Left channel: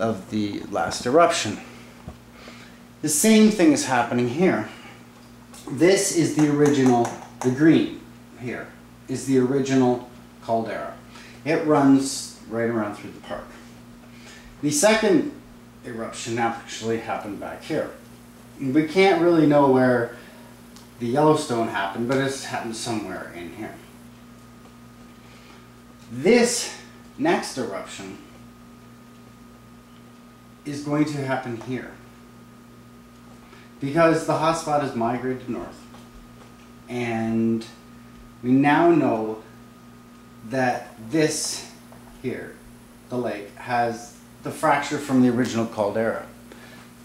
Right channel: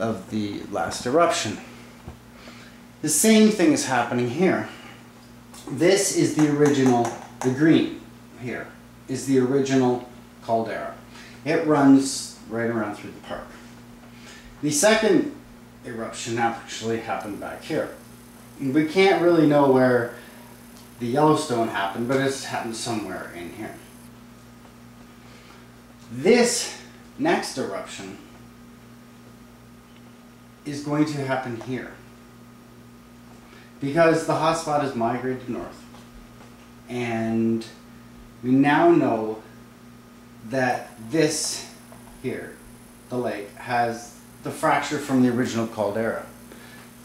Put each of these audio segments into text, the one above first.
of the last eruption. The same thing is happening here. This is the original, the green here is the original caldera. It runs right around through the park. The second eruption actually happened back here. We can't really know where the Yellowstone happened, but it's happened somewhere in here. This next eruption is going to happen here because the hotspot has migrated north, and we now know that this here, the lake, has the fracture from the original caldera.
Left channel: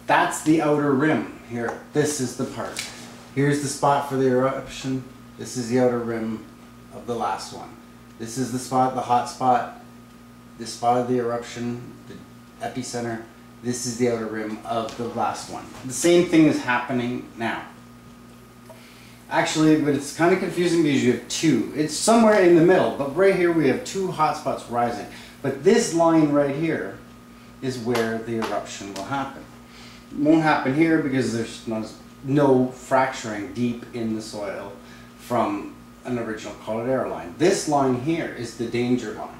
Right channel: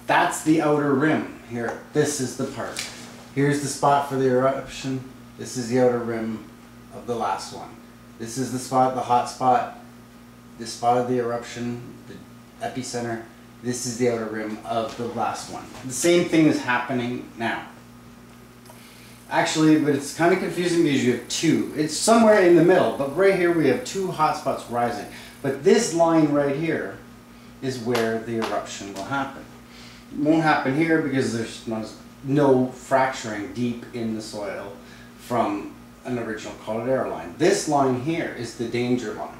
That's the outer rim here. This is the part. Here's the spot for the eruption. This is the outer rim of the last one. This is the spot, the hot spot, the spot of the eruption, the epicenter. This is the outer rim of the last one. The same thing is happening now. Actually, but it's kind of confusing because you have two. It's somewhere in the middle, but right here we have two hot spots rising. But this line right here is where the eruption will happen. It won't happen here because there's no fracturing deep in the soil from an original caldera line. This line here is the danger line,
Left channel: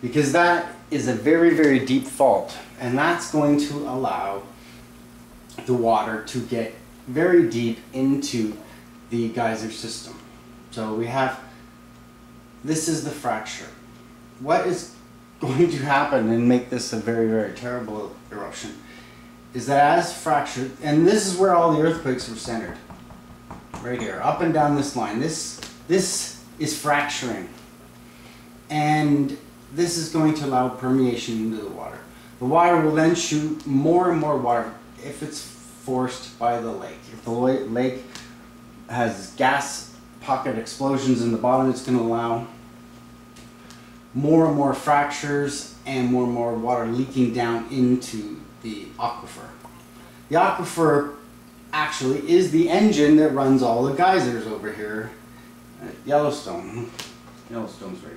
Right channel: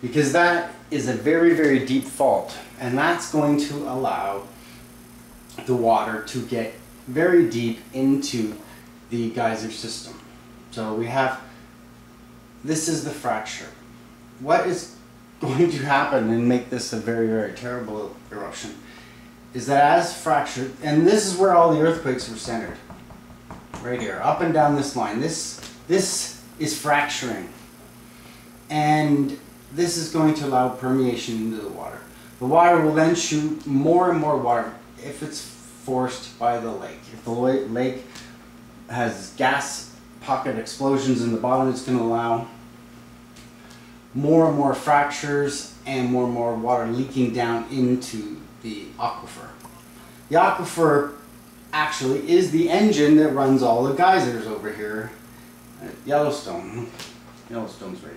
because that is a very, very deep fault, and that's going to allow the water to get very deep into the geyser system. So we have, this is the fracture. What is going to happen and make this a very, very terrible eruption is that as fractured, and this is where all the earthquakes were centered, right here, up and down this line. This is fracturing, and this is going to allow permeation into the water. The water will then shoot more and more water if it's forced by the lake. If the lake has gas pocket explosions in the bottom, it's going to allow more and more fractures and more water leaking down into the aquifer. The aquifer actually is the engine that runs all the geysers over here at Yellowstone. Yellowstone's right.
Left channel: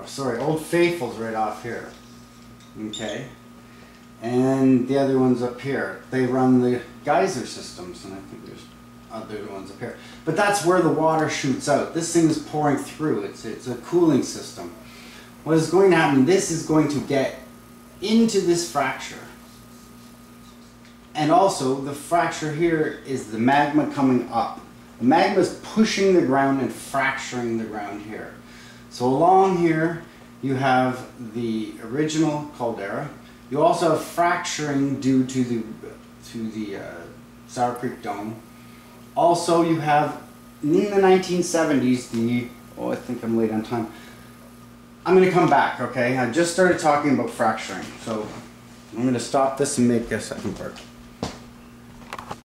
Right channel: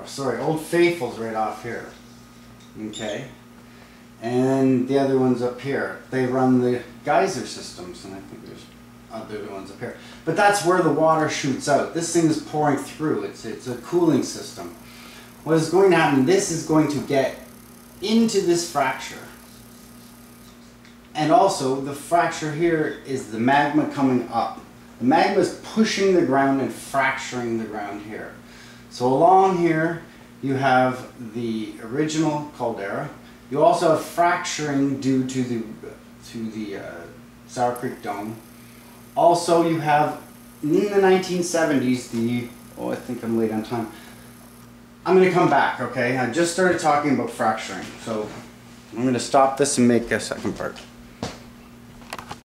Oh, sorry, Old Faithful's right off here. Okay? And the other one's up here. They run the geyser systems, and I think there's other ones up here. But that's where the water shoots out. This thing is pouring through. It's a cooling system. What is going to happen, this is going to get into this fracture. And also, the fracture here is the magma coming up. The magma is pushing the ground and fracturing the ground here. So along here, you have the original caldera. You also have fracturing due to the Sour Creek Dome. Also, you have, in the 1970s, I think I'm late on time. I'm going to come back, okay? I just started talking about fracturing, so I'm going to stop this and make a second part.